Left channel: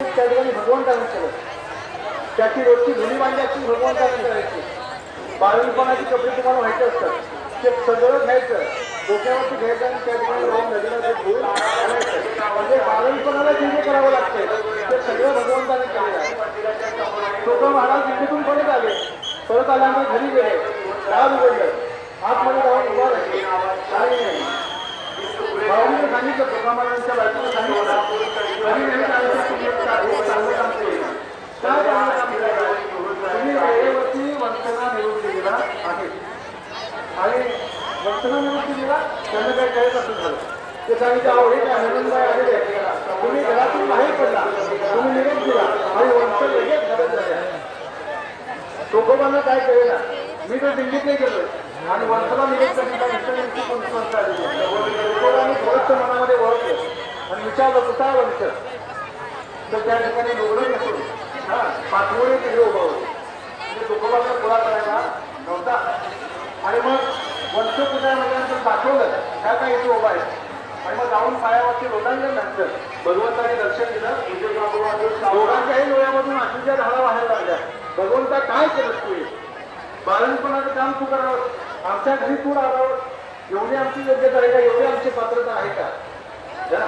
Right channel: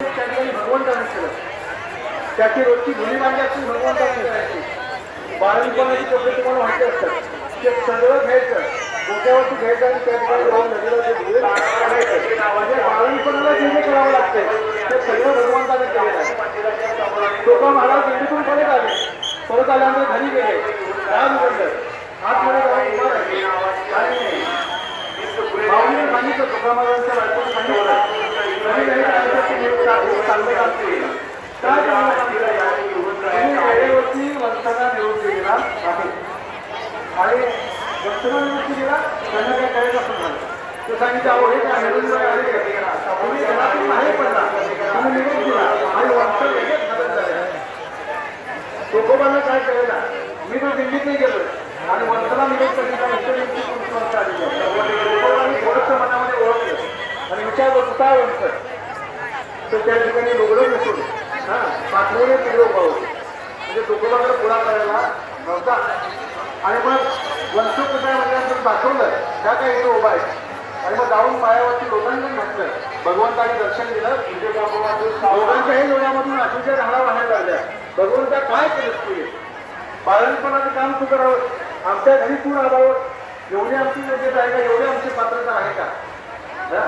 त्या ठिकाणी भगवंताने केलं. त्याची रोजची धुली मांडायची भगवंताने करायची. बाळणपणाचे कपडे तुम्हाला माहिती असतात. ते सगळं घ्यायचं. डोक्यावरती घ्यायचं आणि त्या ठिकाणी जाऊन नदीला ते धुवून म्हणजे बाळणपणाला जे जे करावं लागते ते सगळं भगवंताने केलेलं आहे. तुका महाराज दिल्लीतून परत आले. परत आल्यानंतर घरी गेले. दार उघडलं. आतमध्ये जाऊन उभा राहिले. आणि भाऊजीने सांगितलं तुका महाराजांच्या बायकोने सांगितलं घरी गेले सांगितलं की मी चा- एक चांगलं काम केलं काय चांगलं काम केलं तुम्ही वेळेवरती वंशना निरोप दिलेला आहे आणि वंशना निरोप दिलेला त्यांना काय करायचं असं झालं ते सांगितलं अहो हे काय हेमंतबाई आले तुम्ही घरातून बाहेर पडला तुम्ही निरोप दिला आणि वंश लगेच तुकोबांना काय करेल मी तो दिल्लीत नाही गेलो आणि वंशाला निरोप करीला कोणती आलेली आहे तुकोबांनी थोडंसं मनामध्ये ओळखलं आणि विचारलं तू काय वंश तर त्या ठिकाणी लोगडं नसून हां पाठवले तिकडे उभा होते म्हणजे तुकोबाकडे पुरा करायला नव्हता. आणि मग वंशपूजा म्हणजे दाखवलं ह्या काही इथे उभा आहे आणि मग जाऊन पायावरती लोकांना घातलं भगवंताने दर्शन दिलं. दोघांच्याही डोळ्यामधून अशुच्या धारा बाहेर लागल्या भगवंता काय करत तुझे बाळणपणाचं काम तू करावं. आमच्या घरी तू राहावं एवढी आमची योग्यता आहे का? एवढी आमची पात्रता आहे का? हा?